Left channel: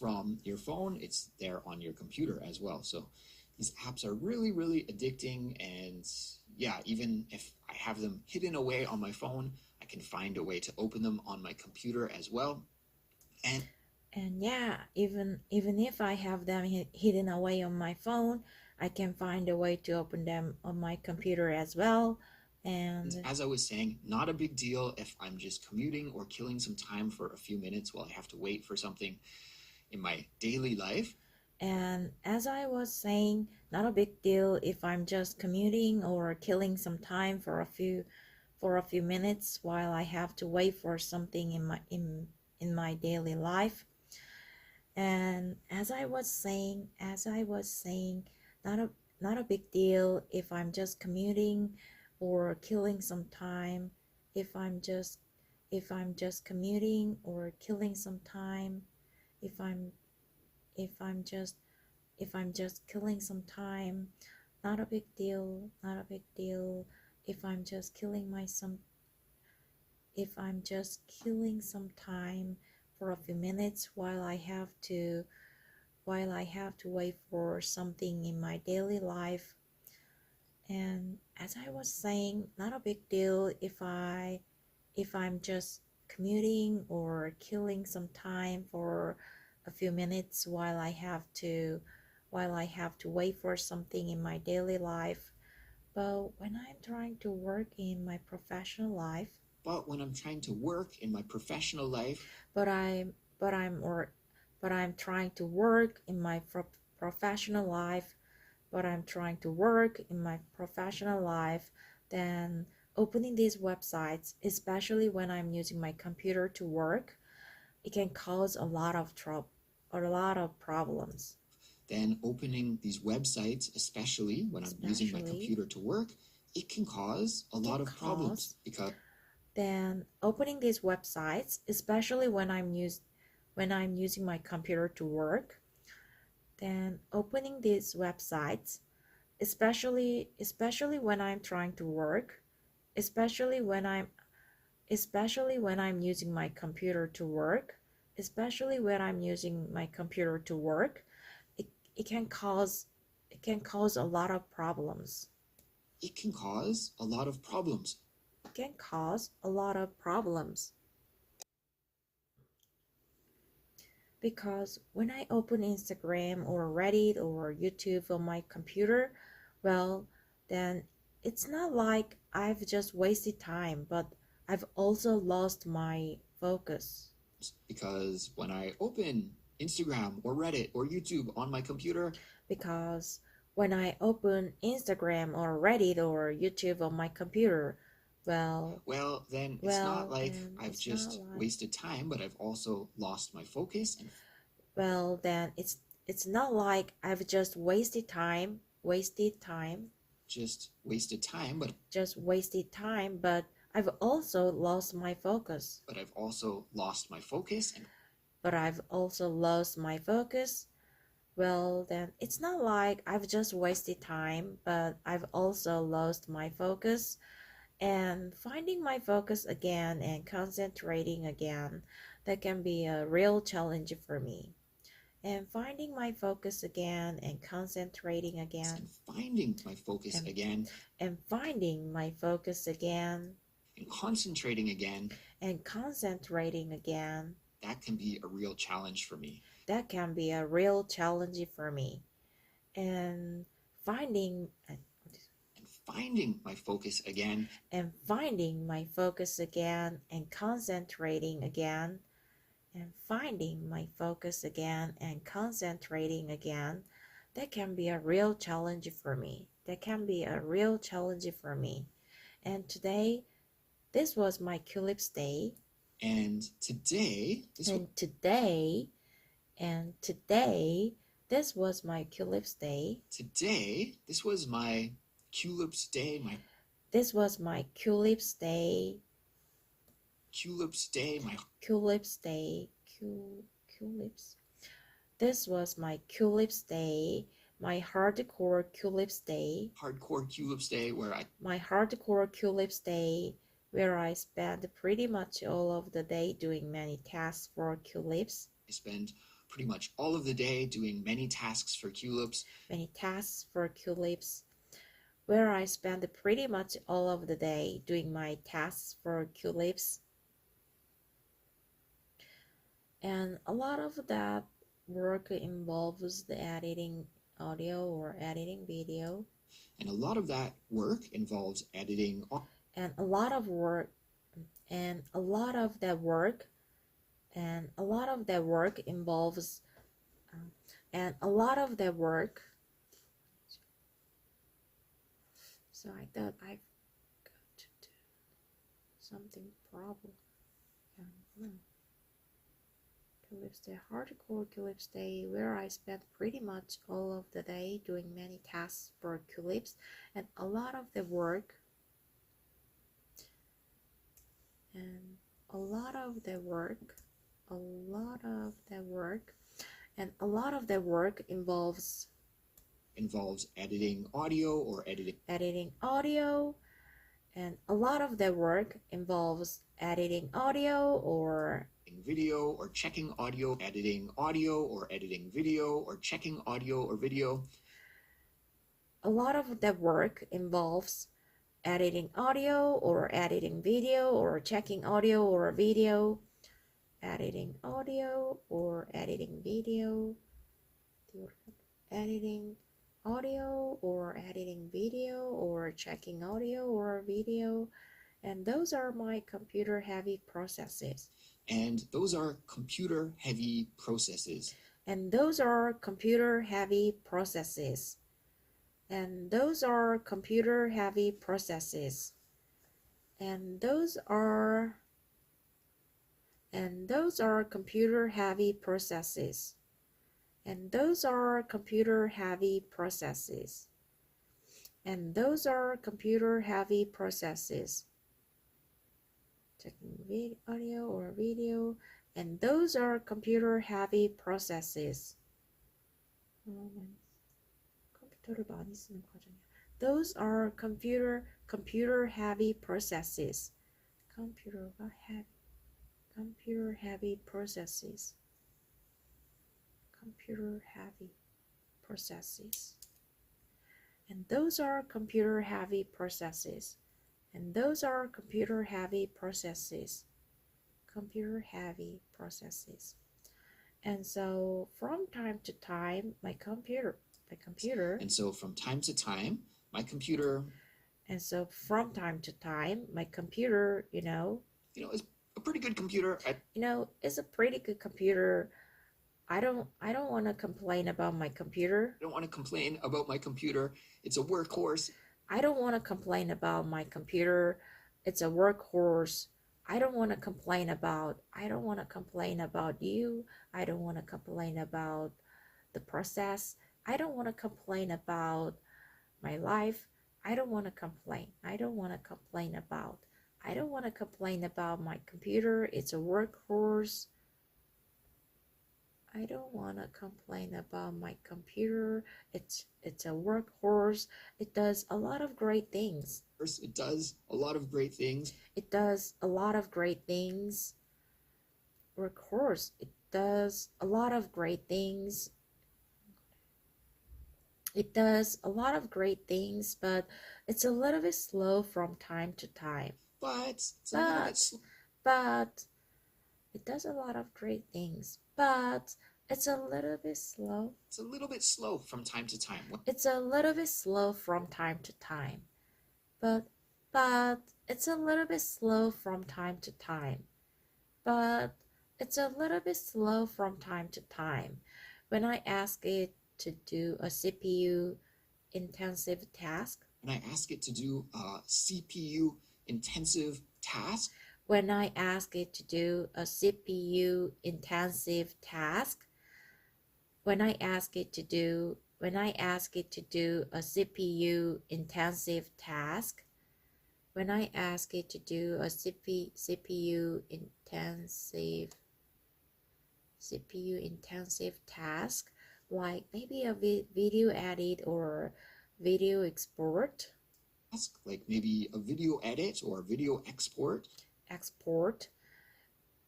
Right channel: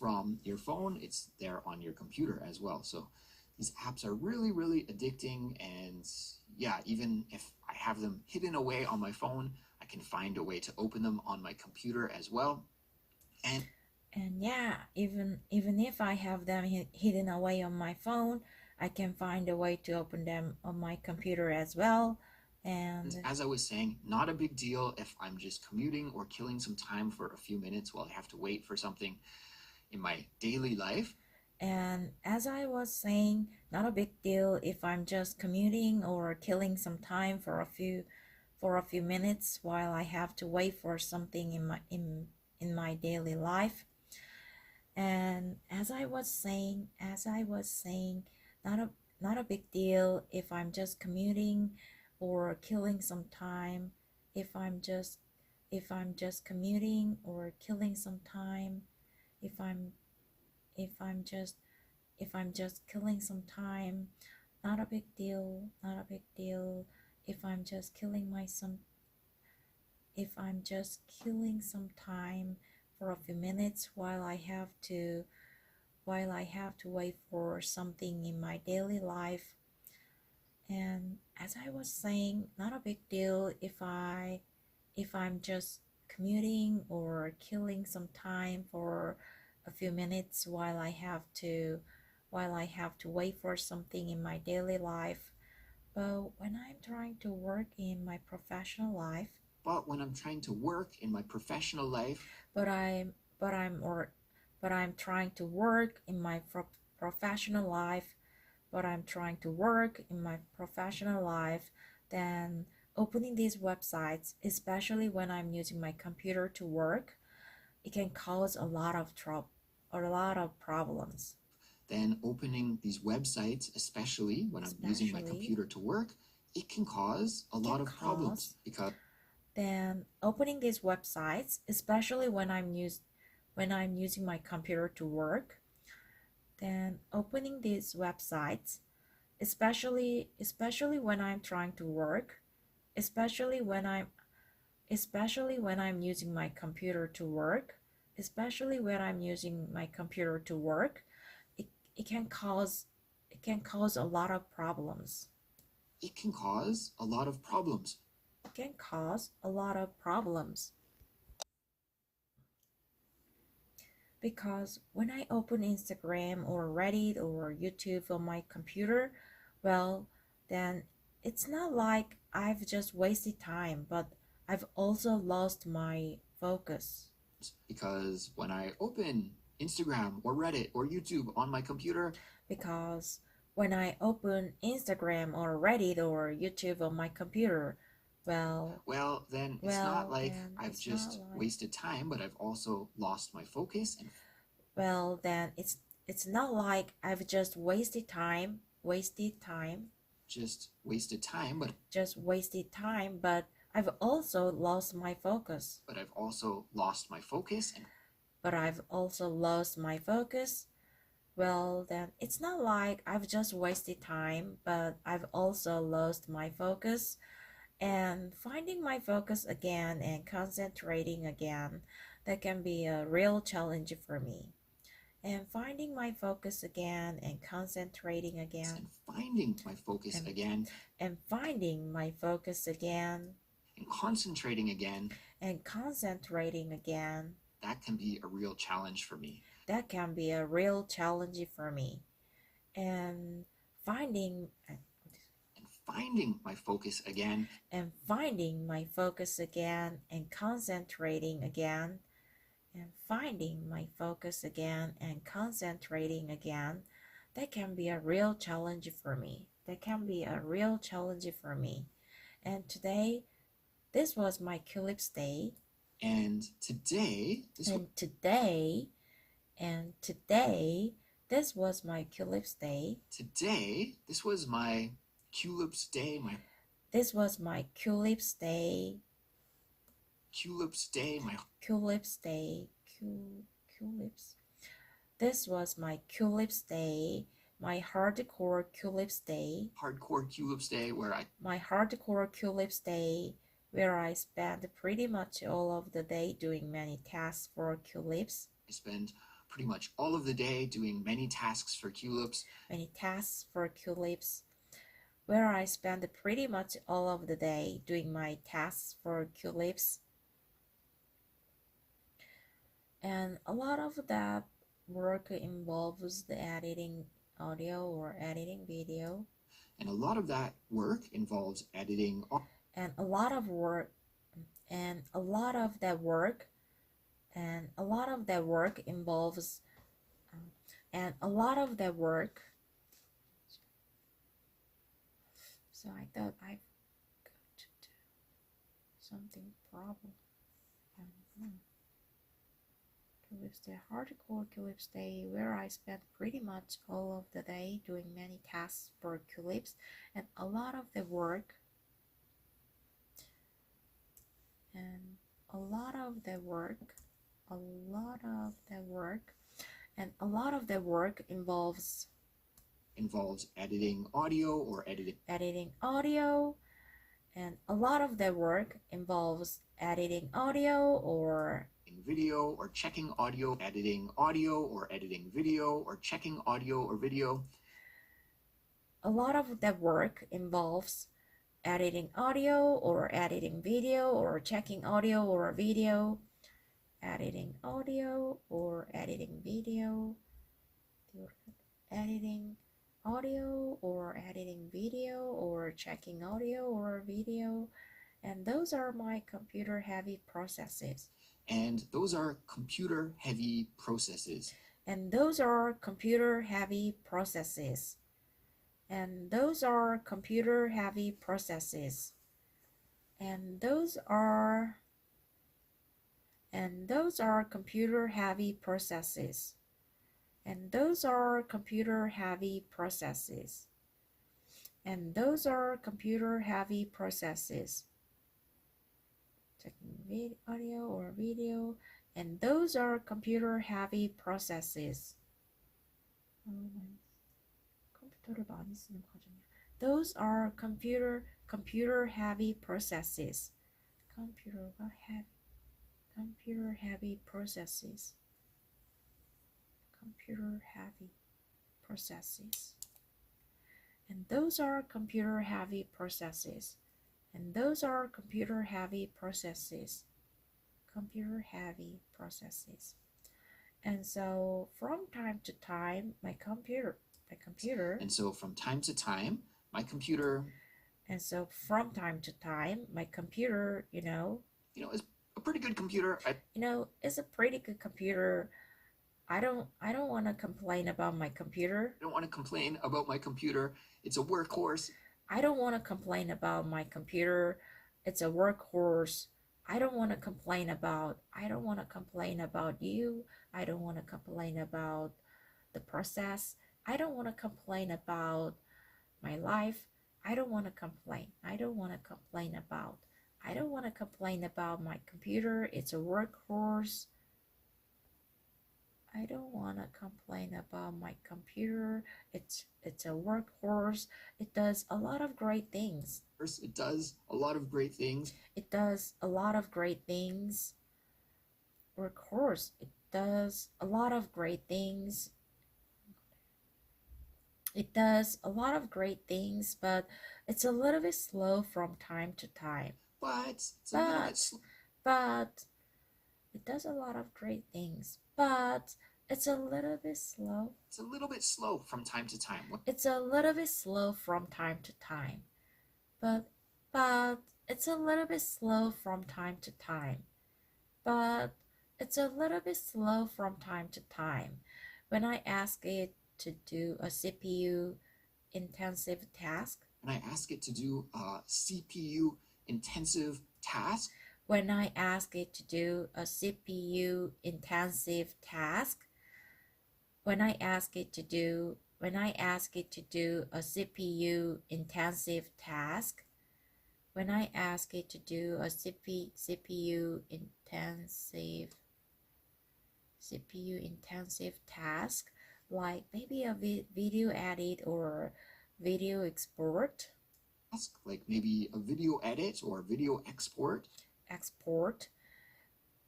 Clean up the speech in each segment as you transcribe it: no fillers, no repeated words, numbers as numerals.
from your phone, it's there on your computer as well. So these apps are really, really addicting. And yeah, even if I have them hidden away on my phone, I can find a way to open them on my computer as well. And yeah, even if I have them hidden away on my phone, I can find a way to open them on my computer as well. And as I was saying, not a big deal if I'm just commuting or killing some time for a few minutes while I have to wait for something in my daily life. And as I was saying, not a big deal if I'm just commuting or killing some time for a few minutes while I have to wait for something in my daily life. And as I was saying, not a not a big deal if I'm just commuting or killing some time. If I'm just commuting or killing some time. If I'm if I'm just if I'm just killing some time, not a big deal, not a big deal. If I'm just killing some time for a few minutes while I have to wait for something in my daily life. And as I was saying, not a big deal if I'm just commuting or killing some time for a few minutes while I have to wait for something in my daily life. But when I'm trying to work in my professional life, But when I'm trying to work in my professional life, but I'm but I'm or but I'm trying to work in my professional life, but I'm trying to work in my professional life, then opening these websites, especially when I'm using my computer to work, it can cause a lot of problems. then opening these websites, especially when I'm using my Especially, computer to work, it can cause a lot of problems because then opening these websites, especially when I'm using my computer to work, then opening these websites, especially when I'm trying to work, especially when I'm especially when I'm using my computer to work, especially when I'm using my computer to work, it, it can cause it can cause a lot of problems. it can cause a lot of problems. It can cause a lot of problems because when I open Instagram or Reddit or YouTube on my computer, well, then it's not like I've just wasted time, but I've also lost my focus. Because when I open Instagram or Reddit or YouTube on my computer, Because when I open Instagram or Reddit or YouTube on my computer, well, then it's not like I've just wasted time, but I've also lost my focus and then it's not like I've just just wasted time, but I've also lost my focus. but I've also lost my focus and But I've also lost my focus. Well, then it's not like I've just wasted time, but I've also lost my focus. And finding my focus again and concentrating again, that can be a real challenge for me. And finding my focus again and concentrating again finding my focus and, again and finding my focus again and concentrating again, and concentrating again, that can be a real challenge for me. that can be a real challenge for me. And finding Finding my focus again and finding my focus again and concentrating again and finding my focus again and concentrating again, that can be a real challenge for me. That can be a real challenge for me. And today, this was my Culips day. And today, this was my Culips day. Today, this was my Culips day. This was my Culips day. Culips day. My Culips day. Culips. This was my Culips day. My hardcore Culips day. Hardcore Culips day My hardcore Culips day where I spent pretty much all of the day doing many tasks for Culips. I spend pretty much all of the day doing many tasks for Culips. Many tasks for Culips, where I spend pretty much all of the day doing my tasks for Culips. And a lot of that work involves the editing audio or editing video. And a lot of that work involves editing. And a lot of work and a lot of that work involves and a lot of that work. So I thought I've got to do something probably. I don't know. Culips Day, hardcore Culips Day, where I spent pretty much all of the day doing many tasks for Culips, and a lot of the work and a lot of the work involves editing audio or editing audio, and a lot of the work involves editing audio or video or checking audio, editing audio or editing video or checking audio or video. A lot of the work involves editing audio or editing video or checking audio or video, editing audio or editing video, editing audio or editing video or checking audio or video. And those are my computer heavy processes. And those are computer heavy processes. And those are computer heavy processes. And those are computer heavy processes. And those are computer heavy processes. And those are computer heavy processes. And those are computer heavy processes. Checking audio or video, and those are computer heavy processes. 컴퓨터를 많이 쓰는 과정이야. Those are computer heavy processes. computer heavy processes. Computer heavy processes. And those are computer heavy processes. And those are computer heavy processes. Computer heavy processes. And so from time to time, my computer. And so from time to time, my computer. And so from time to time, my computer, is a pretty good computer. It's a pretty good computer. I don't want to complain about my computer. I don't want to complain about my computer. It's a workhorse. I don't want to complain about my computer. It's a workhorse. I don't want to complain about you. I don't want to complain about the process. I don't want to complain about my life. I don't want to complain about my computer. It's a workhorse. I don't want to complain about my computer. It's a workhorse. It does a lot of great things. It does a lot of great things. Workhorse. It does a lot of great things. It does a lot of great things, but it's a little bit slow from time to time. But it does a lot of great things, but it's a little bit slow. It's a little bit slow from time to time. It's a little bit slow from time to time. But it's a little bit slow from time to time. But it's a little bit slow from time to time. When I ask it to do a CPU intensive task. When I ask it to do a CPU intensive task. When I ask it to do a CPU intensive task. When I ask it to do a CPU intensive task. When I ask it to do a CPU intensive task, like maybe a video edit or video export. Like maybe a video edit or video export.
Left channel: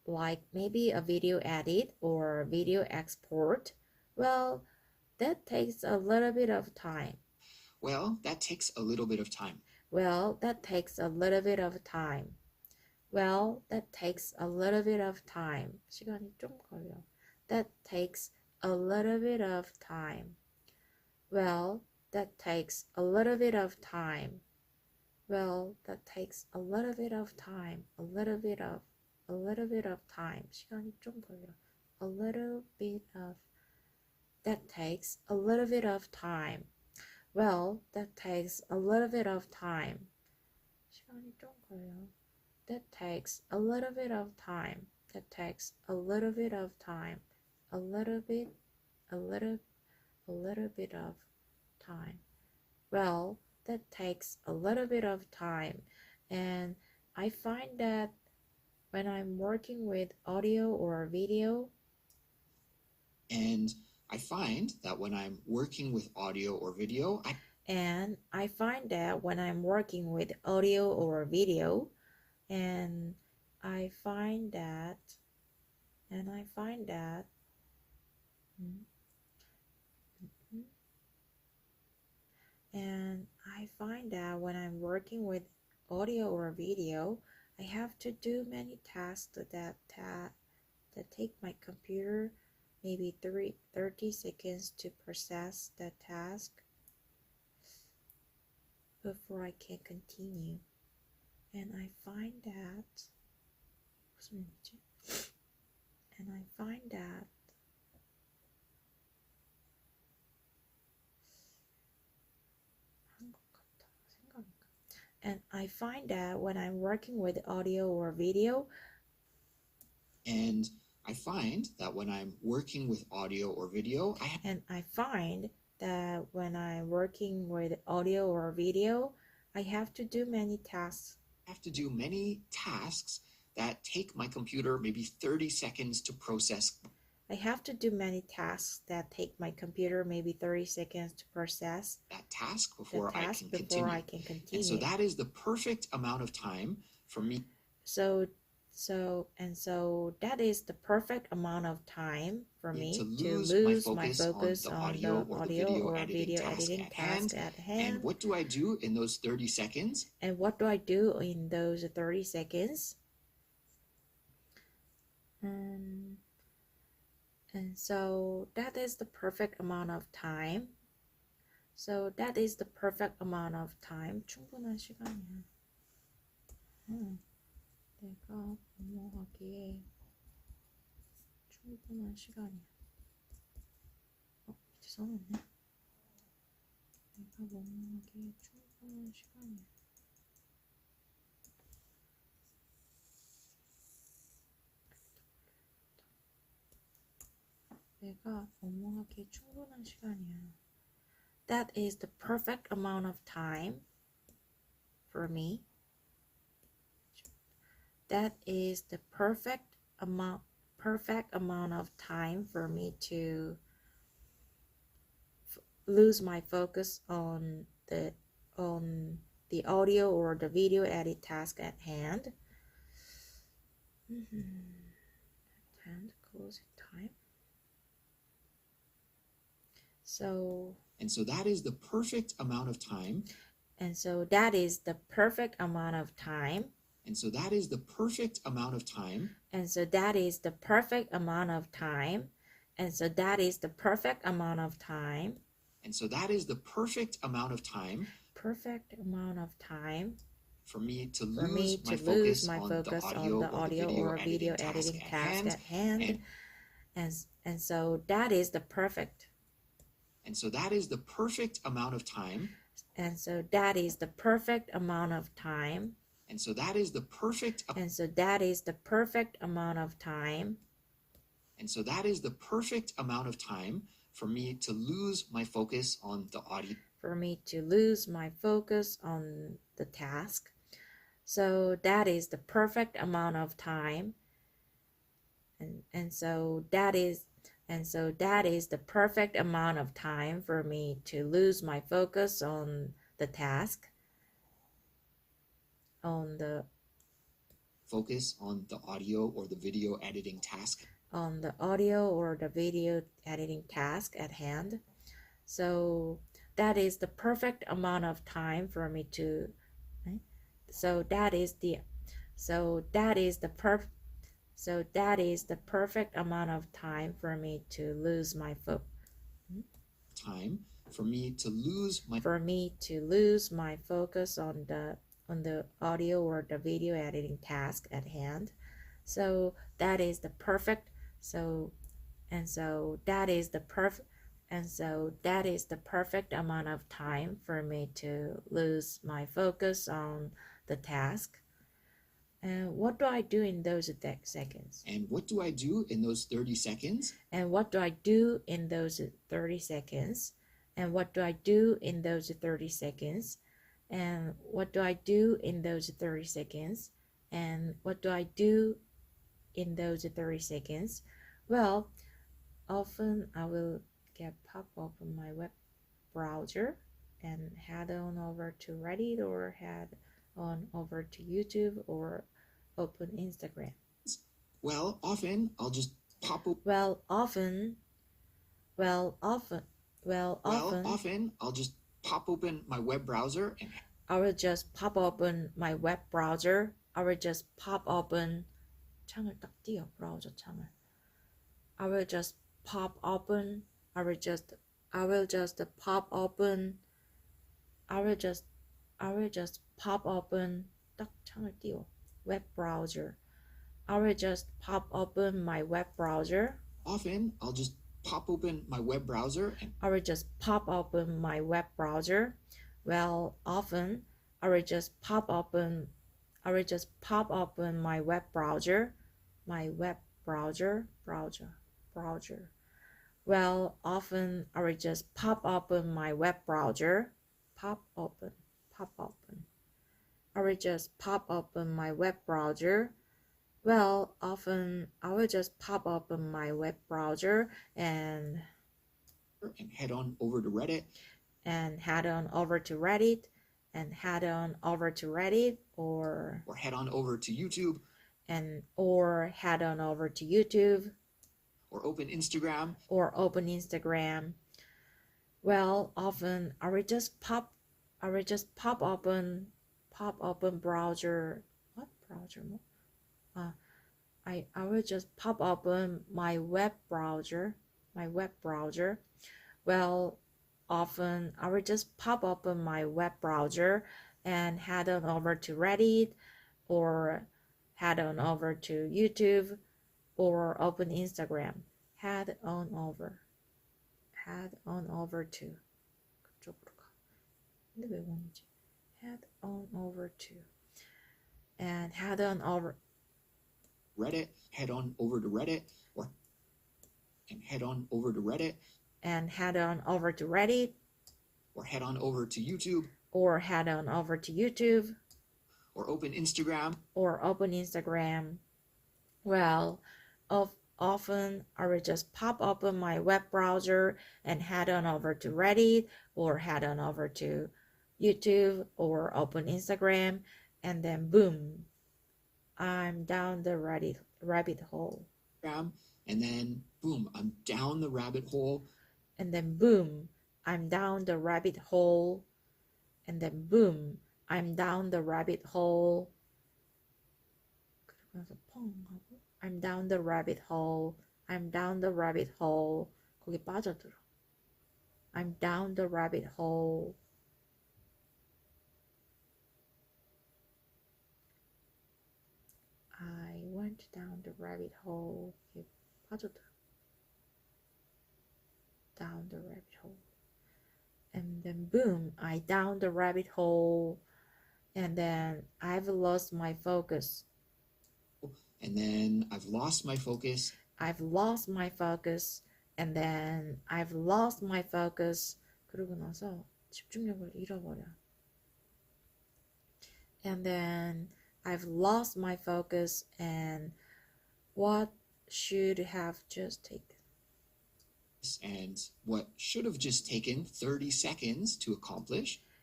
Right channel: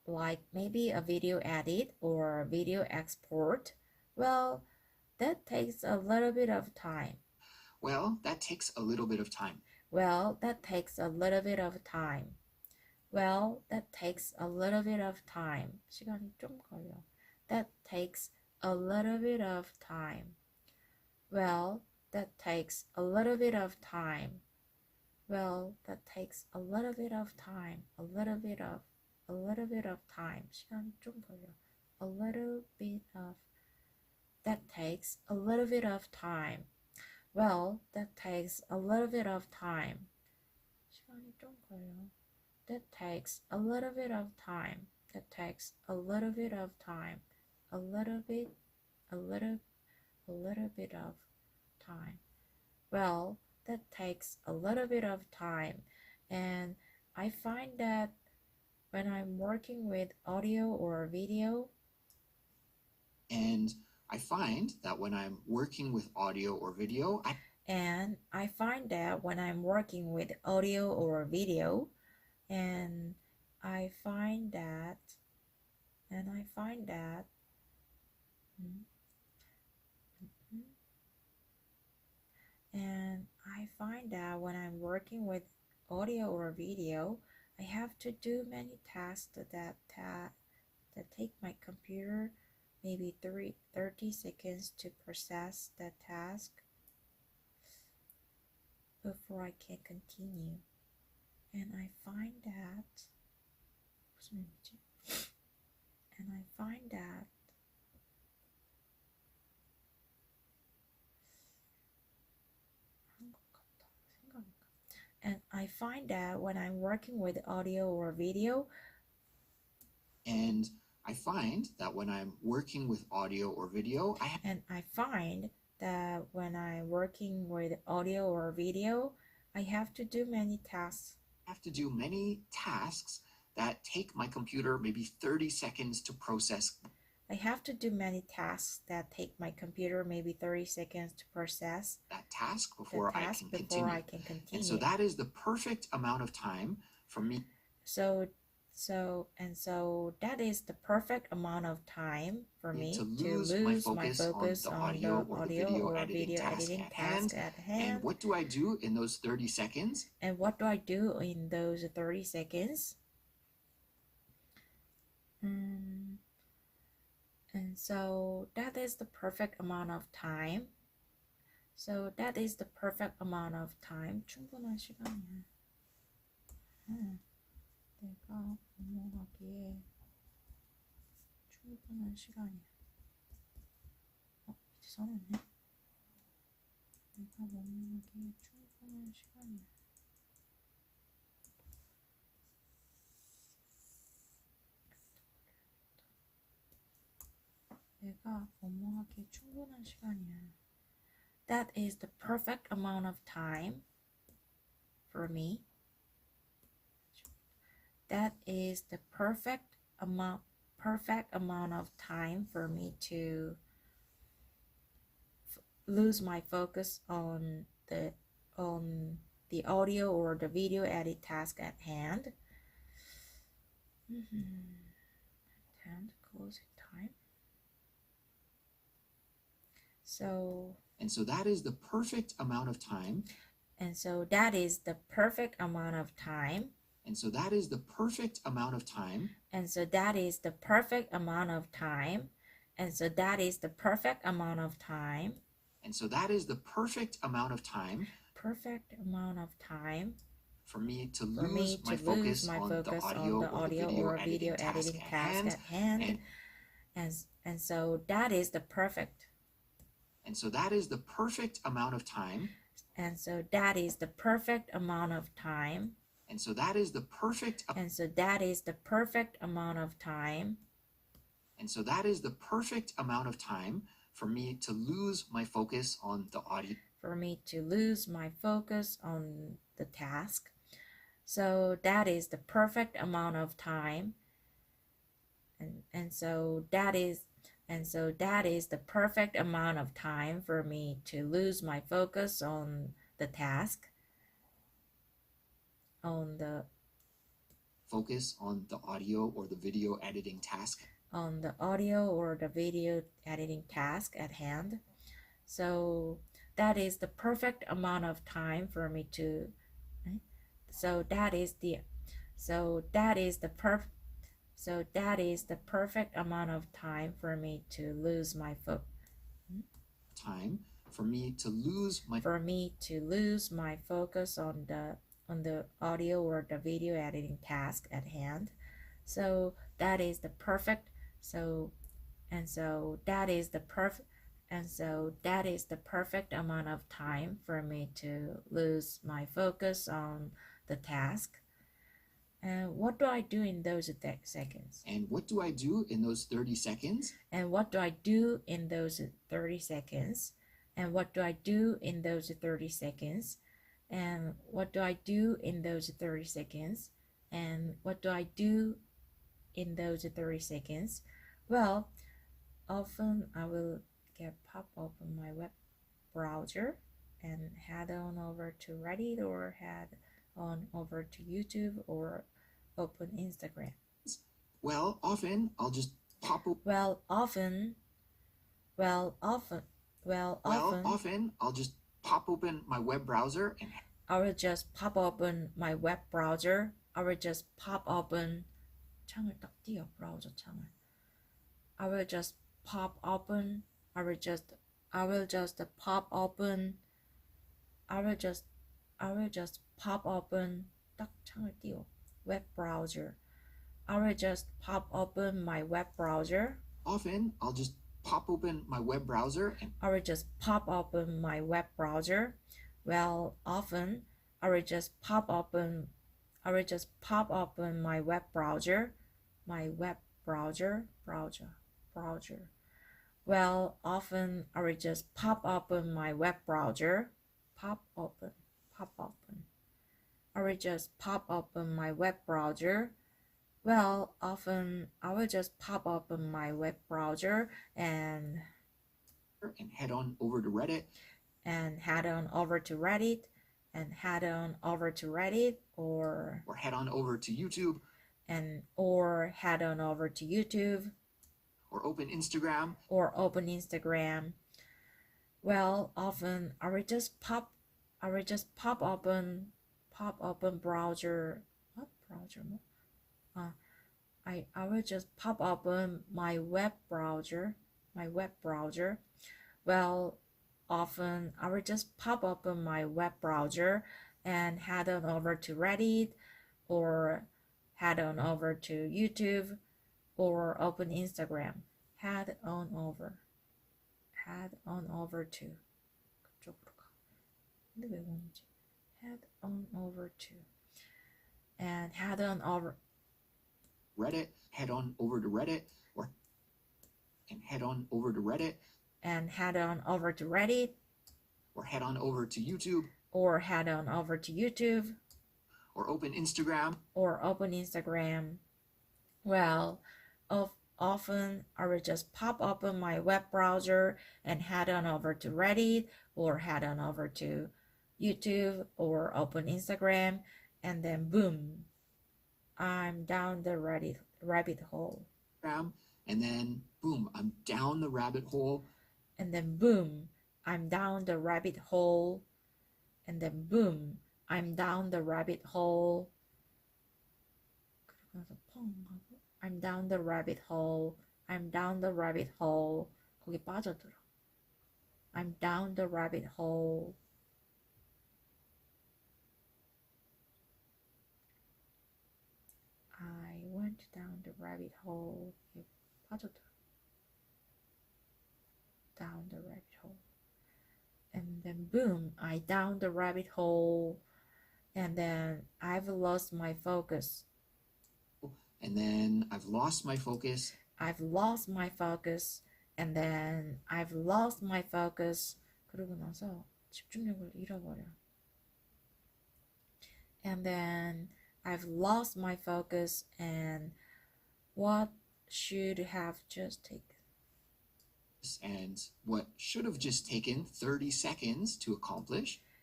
like maybe a video edit or video export, well, that takes a little bit of time. Well, that takes a little bit of time. Well, that takes a little bit of time. Well, that takes a little bit of time. 시간이 좀 걸려. That takes a little bit of time. Well, that takes a little bit of time. Well, that takes a little bit of time. A little bit of time. 시간이 좀 걸려. A little bit of. That takes a little bit of time. Well, that takes a little bit of time. 시간이 좀 걸려. That takes a little bit of time. That takes a little bit of time. A little bit of time. Well, that takes a little bit of time. And I find that when I'm working with audio or video, and I find that when I'm working with audio or video, and I find that when I'm working with audio or video, and I find that and I find that when I'm working with audio or video, I have to do many tasks that take my computer maybe 30 seconds to process that task before I can continue. And I find that when I'm working with audio or video, and I find that when I'm working with audio or video, I have to do many tasks. I have to do many tasks that take my computer maybe 30 seconds to process. I have to do many tasks that take my computer maybe 30 seconds to process that task before I can continue. And so that is the perfect amount of time for me. So that is the perfect amount of time for me to lose my focus on the audio or the video editing task at hand. And what do I do in those 30 seconds? And what do I do in those 30 seconds? And so that is the perfect amount of time. 충분한 시간이야. 내가 업무하기에 충분한 시간이야. 이제 써놨네. 내가 업무하기에 충분한 시간이야. 내가 업무하기에 충분한 시간이야. That is the perfect amount of time for me. That is the perfect amount of time for me to lose my focus on the audio or the video edit task at hand. And closing time. And so that is the perfect amount of time. And so that is the perfect amount of time. And so that is the perfect amount of time. And so that is the perfect amount of time. And so that is the perfect amount of time. And so that is the perfect amount of time. Perfect amount of time. For me to lose my focus on the audio or the video editing task at hand. And so that is the perfect. And so that is the perfect amount of time. And so that is the perfect amount of time. And so that is the perfect. And so that is the perfect amount of time. And so that is the perfect amount of time for me to lose my focus on the audio. For me to lose my focus on the task. So that is the perfect amount of time. And so that is the perfect amount of time for me to lose my focus on the task. focus on the audio or the video editing task. On the audio or the video editing task at hand. So that is the perfect amount of time for me to that is the perfect amount of time for me to lose my time for me to lose my focus on the audio or the video editing task at hand. So that is the perfect that is the perfect amount of time for me to lose my focus on the task. And what do I do in those seconds? And what do I do in those 30 seconds? And what do I do in those 30 seconds? And what do I do in those 30 seconds? And what do I do in those 30 seconds? And what do I do in those 30 seconds? Well, often I will pop open my web browser and head on over to Reddit or head on over to YouTube or open Instagram. Well, often I'll just pop open. Often I'll just pop open my web browser and I will just pop open my web browser. I will just pop open 창을 딱 띄워 브라우저 창을. I will just pop open 딱 창을 띄워 web browser. I will just pop open my web browser. Often I'll just pop open my web browser and I will just pop open my web browser. Well, often I will just pop open my web browser. Well, often I will just pop open my web browser. I will just pop open my web browser. Well, often I will just pop open my web browser and head on over to Reddit. And head on over to Reddit or head on over to YouTube or head on over to YouTube or open Instagram. Well, often I will just pop open browser. What browser? I will just pop open my web browser. Well, often I will just pop open my web browser and head on over to Reddit or head on over to YouTube or open Instagram. Head on over to 그쪽으로 가. 근데 왜 원이지? Head on over to and head on over Reddit, head on over to Reddit or head on over to Reddit and head on over to Reddit or head on over to YouTube or head on over to YouTube or open Instagram. Well, often I will just pop open my web browser and head on over to Reddit or head on over to YouTube or open Instagram, and then boom, I'm down the rabbit hole. And then boom, I'm down the rabbit hole. And then boom, I'm down the rabbit hole. And then boom, I'm down the rabbit hole. I'm down the rabbit hole. 거기 빠져들어. I'm down the rabbit hole. I went down the rabbit hole. 빠져들어. Down the rabbit hole. And then boom, I down the rabbit hole. And then I've lost my focus. And then I've lost my focus. And then I've lost my focus. 그러고 나서 집중력을 잃어버려. And then I've lost my focus and what should have just taken. And what should have just taken 30 seconds to accomplish.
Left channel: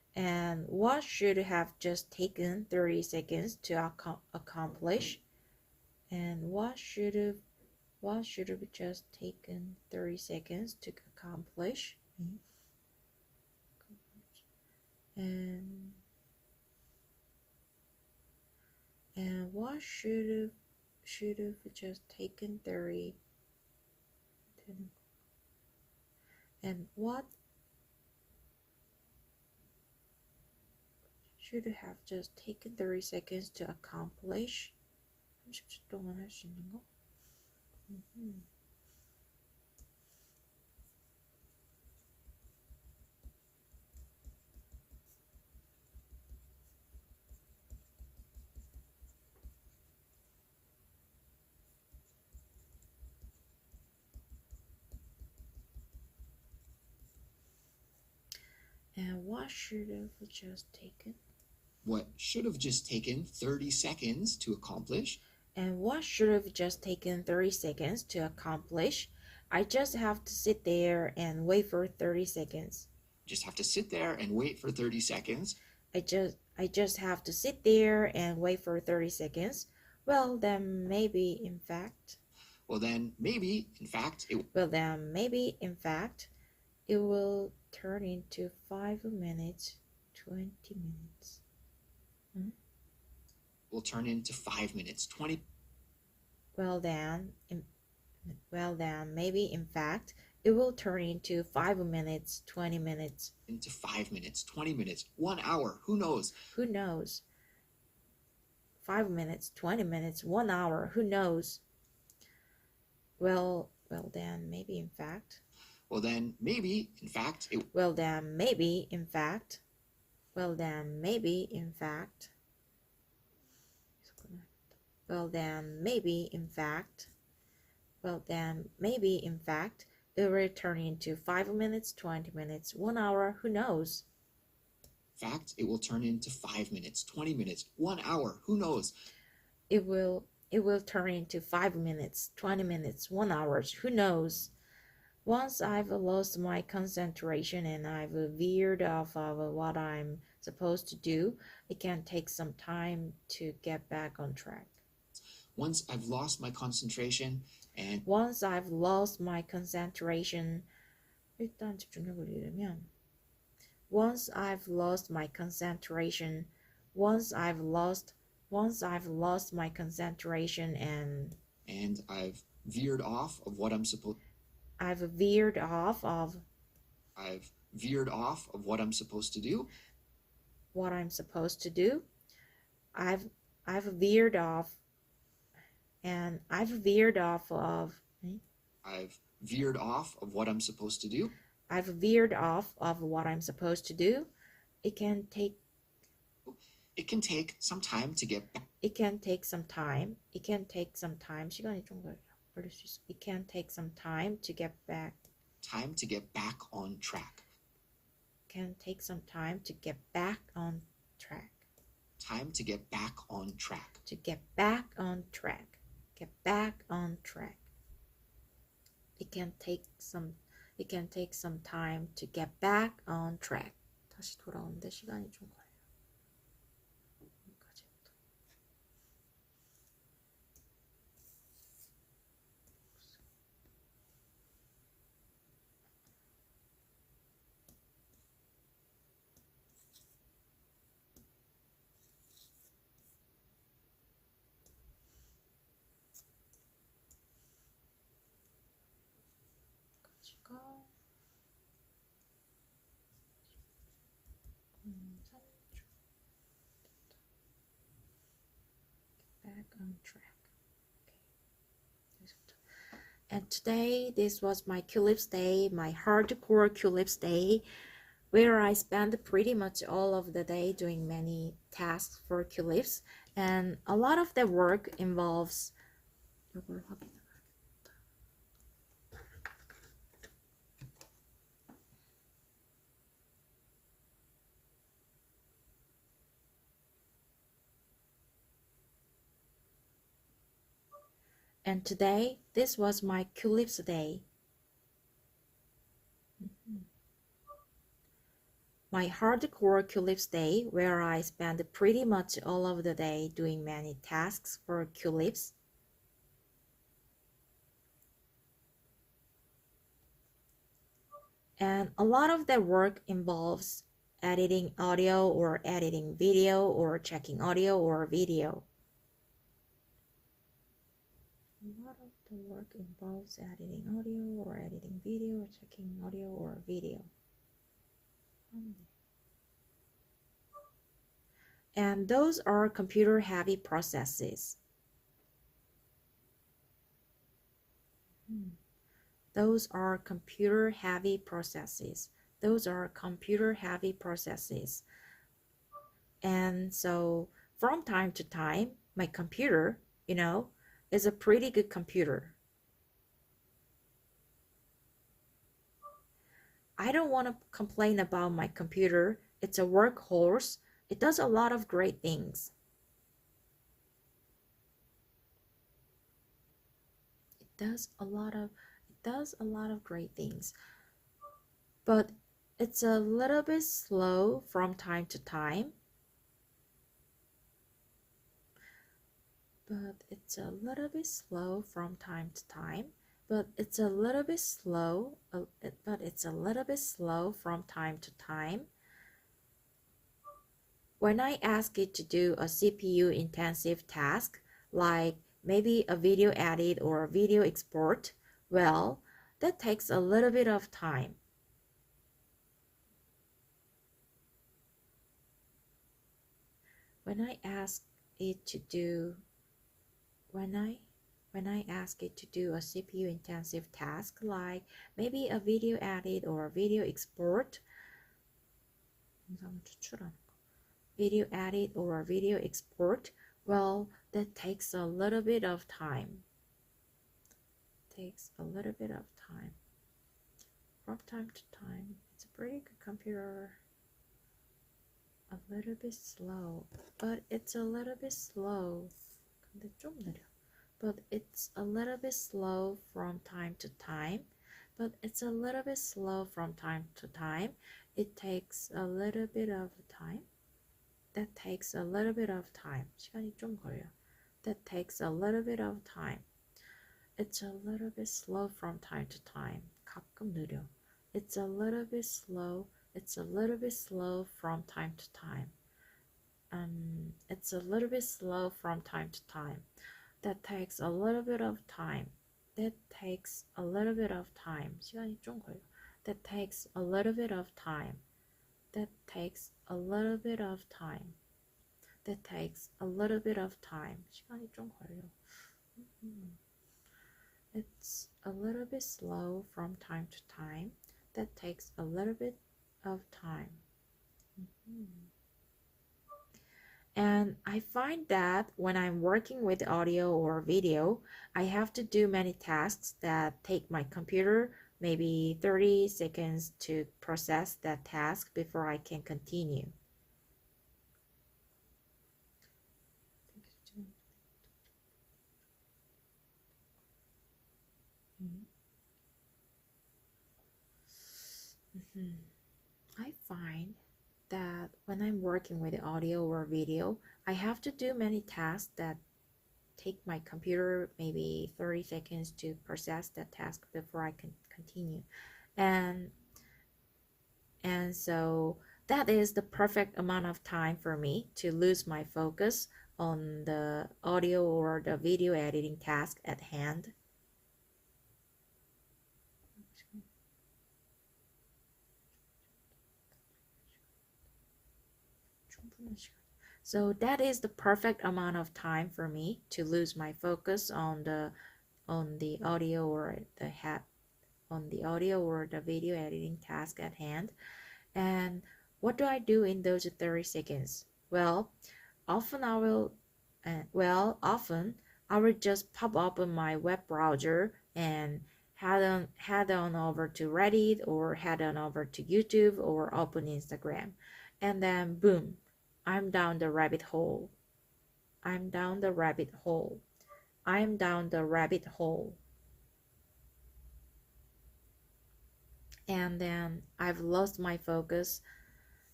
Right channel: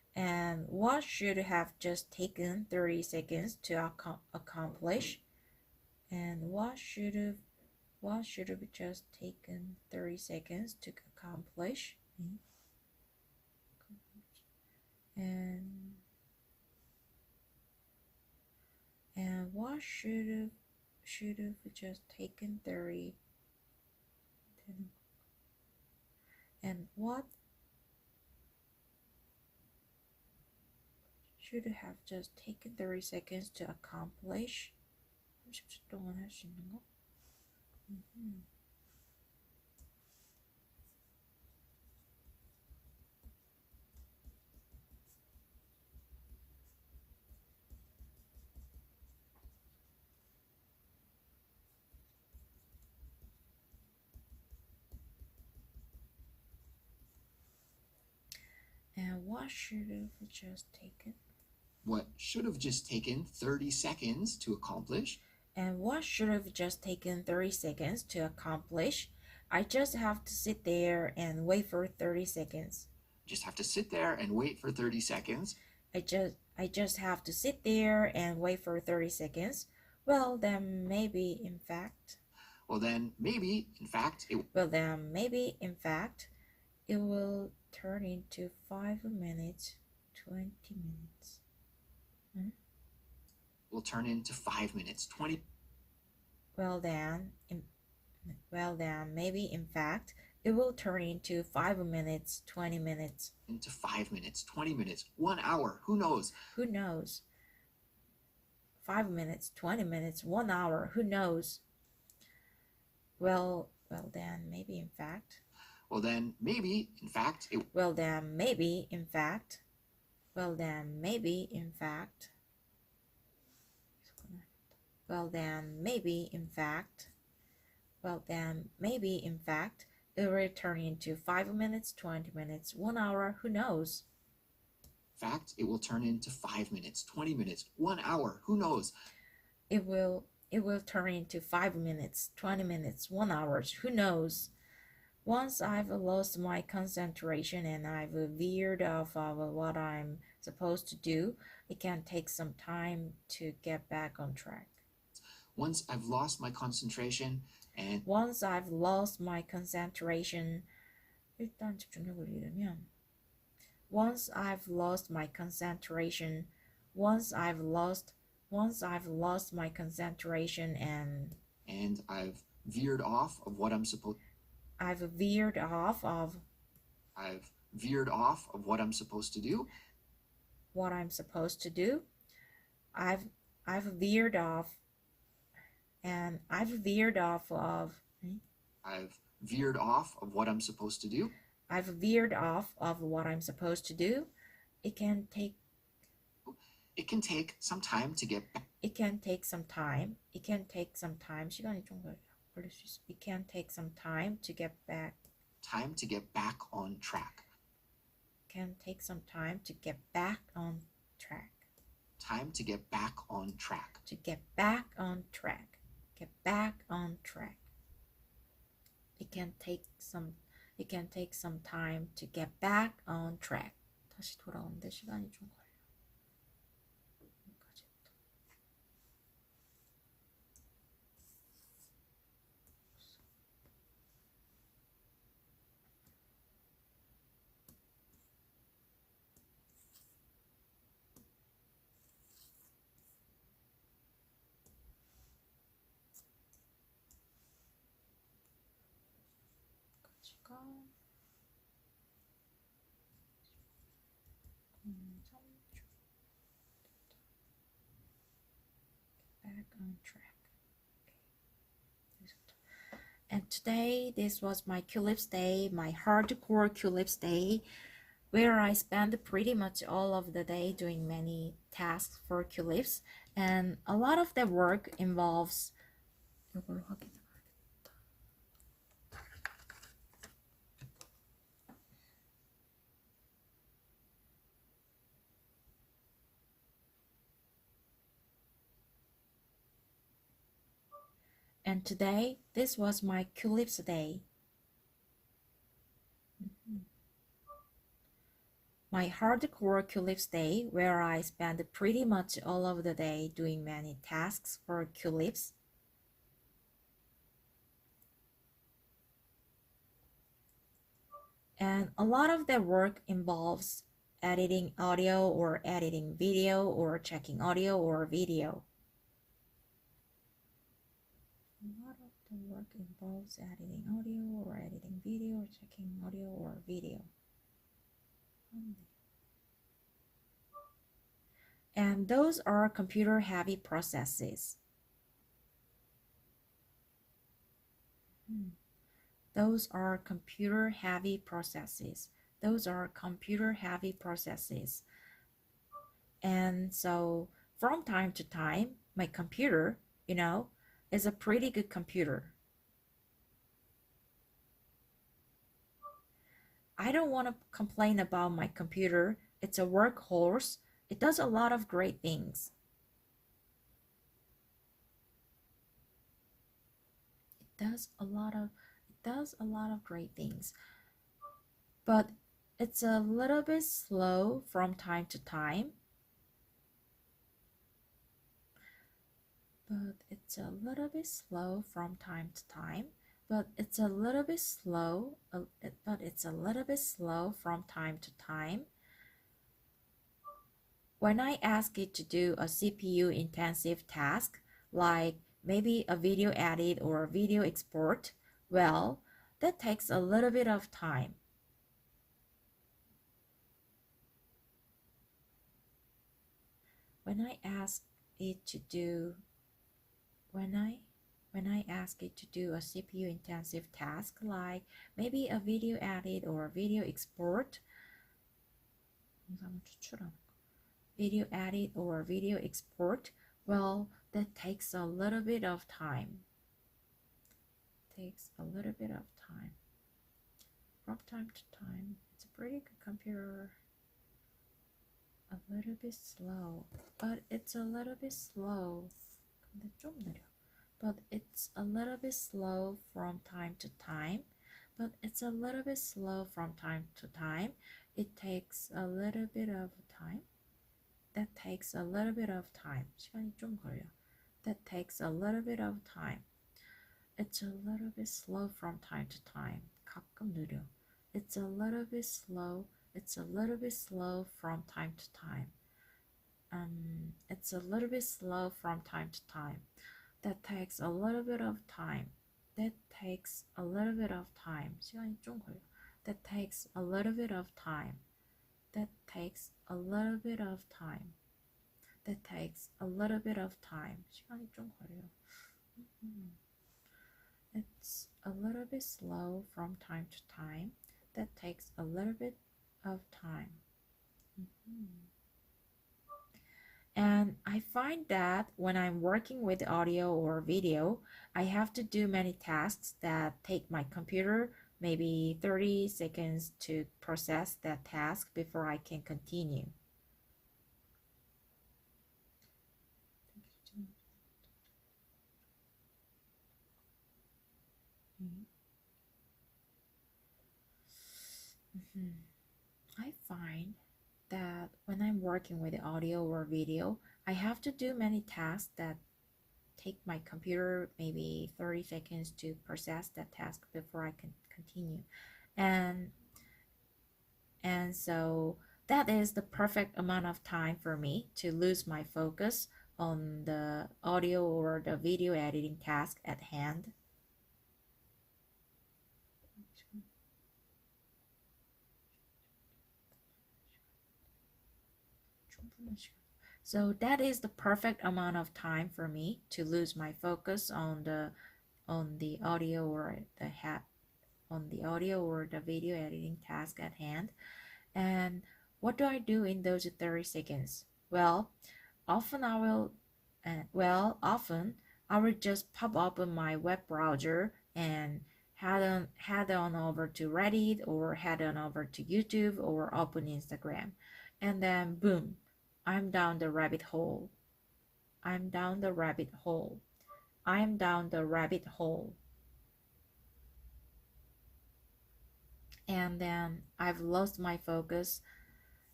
And what should have just taken 30 seconds to accomplish? And what should have just taken 30 seconds to accomplish? And what should have just taken 30, and what should have just taken 30 seconds to accomplish? 30초 동안 할 수 있는 거? And what should have just taken? What should have just taken 30 seconds to accomplish? And what should have just taken 30 seconds to accomplish? I just have to sit there and wait for 30 seconds. Just have to sit there and wait for 30 seconds. I just have to sit there and wait for 30 seconds. Well, then maybe in fact. It will turn into 5 minutes, 20 minutes. Will turn into 5 minutes, 20. Well then, maybe in fact, it will turn into 5 minutes, 20 minutes. Into 5 minutes, 20 minutes, 1 hour. Who knows? Who knows? 5 minutes, 20 minutes, 1 hour. Who knows? Well then, maybe in fact. Well then, maybe in fact. Well then, maybe in fact. Well then, maybe in fact. Well then, maybe in fact. Well then, maybe in fact, it will turn into 5 minutes, 20 minutes, 1 hour. Who knows? Fact, it will turn into 5 minutes, 20 minutes, 1 hour. Who knows? It will turn into 5 minutes, 20 minutes, 1 hour. Who knows? Once I've lost my concentration and I've veered off of what I'm supposed to do, it can take some time to get back on track. Once I've lost my concentration and 일단 집중력을 잃으면 once I've lost my concentration and I've veered off of what I'm supposed I've veered off of what I'm supposed to do. I've veered off of what I'm supposed to do. I've veered off of what I'm supposed to do. It can take some time to get back. 시간이 좀 걸릴 수 있어. It can take some time to get back. Time to get back on track. Can take some time to get back on track. Time to get back on track. To get back on track. Get back on track. It can take some time to get back on track. 다시 돌아오는데 시간이 좀 걸려. Back on track. Okay. And today, this was my Culips day, my hardcore Culips day, where I spent pretty much all of the day doing many tasks for Culips, and a lot of the work involves And today, this was my Culips day. my hardcore Culips day, where I spend pretty much all of the day doing many tasks for Culips. And a lot of that work involves editing audio or editing video or checking audio or video. A lot of the work involves editing audio or editing video or checking audio or video. And those are computer heavy processes. Those are computer heavy processes. Those are computer heavy processes. And so from time to time, my computer, is a pretty good computer. I don't want to complain about my computer. It's a workhorse. It does a lot of great things. It does a lot of great things. But it's a little bit slow from time to time. But it's a little bit slow from time to time. But it's a little bit slow from time to time. When I ask it to do a CPU intensive task, like maybe a video edit or a video export, well, that takes a little bit of time. When I ask it to do a CPU intensive task, like maybe a video edit or a video export, well, that takes a little bit of time. From time to time. It's a pretty good computer. A little bit slow, but it's a little bit slow. 근데 좀 느려. But it's a little bit slow from time to time. It takes a little bit of time. That takes a little bit of time. 시간이 좀 걸려. That takes a little bit of time. It's a little bit slow from time to time. 가끔 느려. It's a little bit slow from time to time. It's a little bit slow from time to time. That takes a little bit of time. 시간이 좀 걸려. That takes a little bit of time. 시간이 좀 걸려. It's a little bit slow from time to time. That takes a little bit of time. And I find that when I'm working with audio or video, I have to do many tasks that take my computer maybe 30 seconds to process that task before I can continue. I find that when I'm working with audio or video, I have to do many tasks that take my computer maybe 30 seconds to process that task before I can continue. And so that is the perfect amount of time for me to lose my focus on the audio or the video editing task at hand. So that is the perfect amount of time for me to lose my focus on the audio or the video editing task at hand. And what do I do in those 30 seconds? Well, often I will just pop open my web browser and head on over to Reddit or head on over to YouTube or open Instagram, and then boom, I'm down the rabbit hole. And then I've lost my focus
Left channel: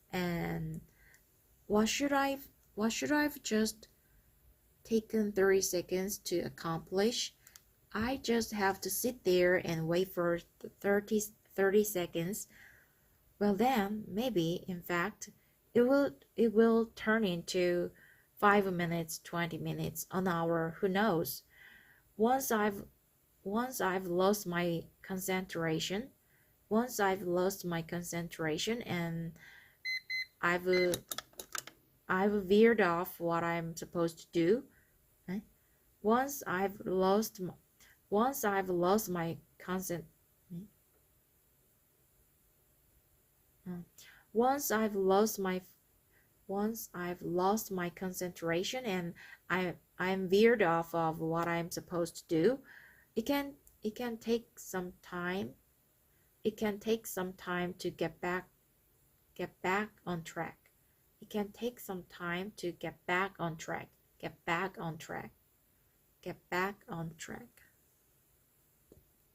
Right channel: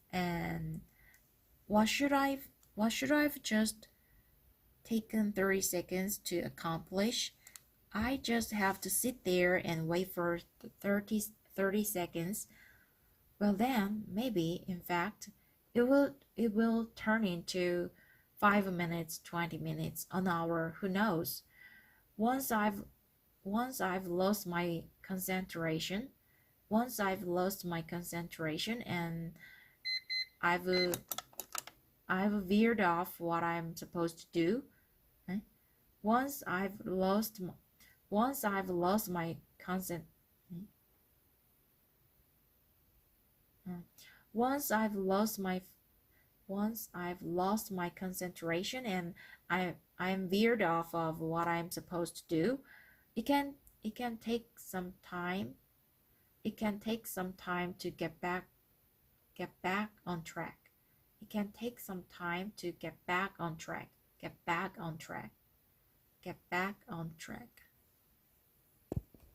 And what should I've just taken 30 seconds to accomplish? I just have to sit there and wait for 30 seconds. Well then, maybe, in fact, it will turn into 5 minutes, 20 minutes, an hour, who knows? Once I've lost my concentration, and I've I've veered off what I'm supposed to do. eh? Once I've lost my concent once I've lost my concentration and I'm veered off of what I'm supposed to do, it can take some time. It can take some time to get back on track. It can take some time to get back on track. Get back on track. Get back on track.